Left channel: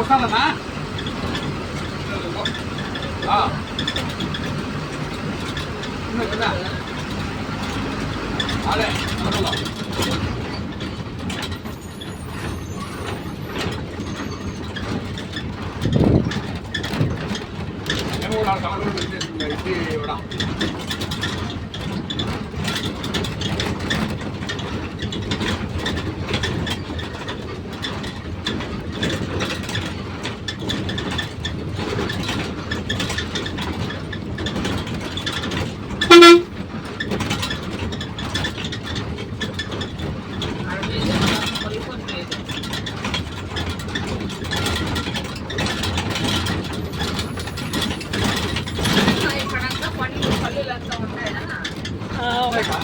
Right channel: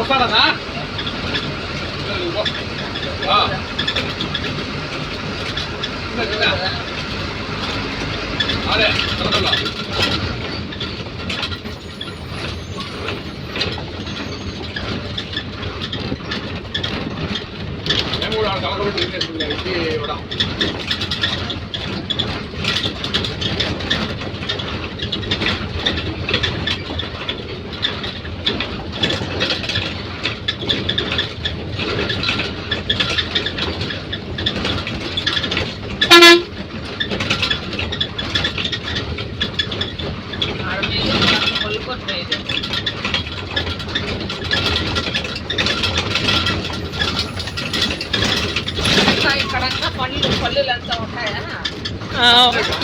వస్తానన్నా అదే మేము కూడా కలగడం ఇచ్చి ఇవ్వడం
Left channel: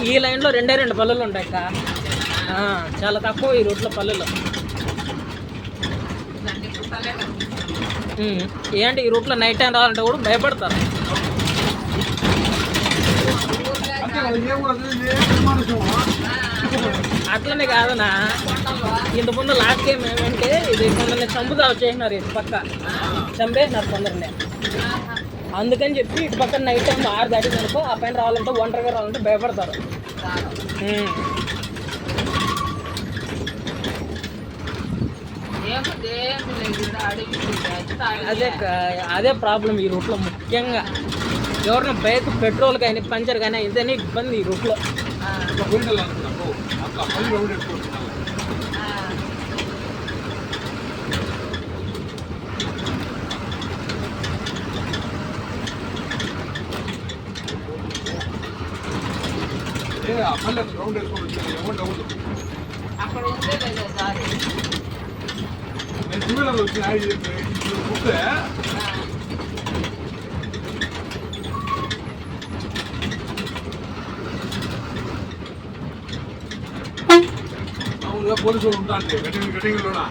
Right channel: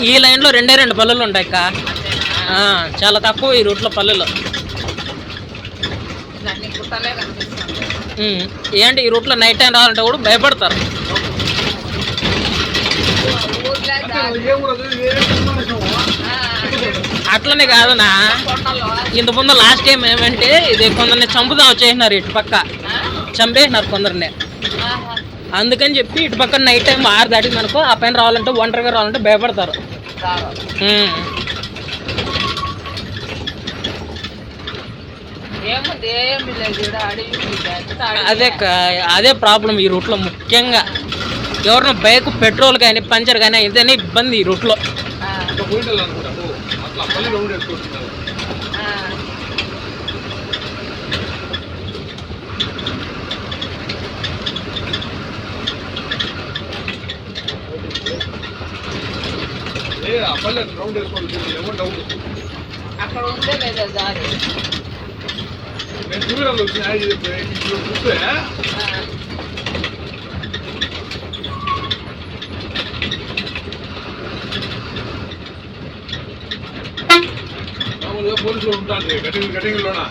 ఈ లైన్లో రెండు పల్లెలు ఉంటాయి అక్క. చాలా తక్కువ ఈ రూట్లో పల్లెలు. ఏంటి ఈ రూట్లో నైట్ టైం రావాలంటే కూడా భయపడతారు. అట్లనే కాదనా, ఇంతకుముందు లాస్ట్ టైం ఏమంటే ఇది కొందరిని చంపుదా వచ్చేసినారు, ఇటు పక్క చంపేసినారు కొందరిని. అందుకని చెప్పి ఇటు పక్కన నైట్ టైం 6 దాటింది అనుకో, ఆ పైన రావాలంటే ఒంటరిగా రావాలంటే భయపడతారు. అదే ప్రాబ్లం ఈ రూట్లో ముఖ్యంగా. ఎవరైనా బైక్ పెట్రోల్ కానీ పంచర్ కానీ ఏదైనా ఇబ్బంది ఈ రూట్లో. అక్కడ ఉంటే లేదా దారి పోలీసులు ఉంటారు కటింగ్ లోనా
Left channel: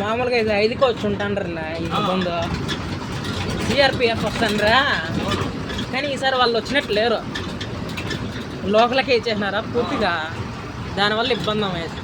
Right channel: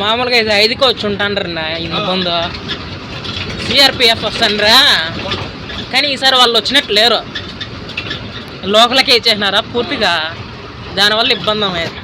మామూలుగా ఇది 5కి వచ్చి ఉంటాండ్రన్నా. ఇంత ముందు సిఆర్పిఎఫ్ వస్తాండ్రా, కానీ ఈసారి వాళ్ళు వచ్చినట్టు లేరు, లోకలకే ఇచ్చేసినారా పూర్తిగా. దానివల్ల ఇబ్బంది అయ్యేది.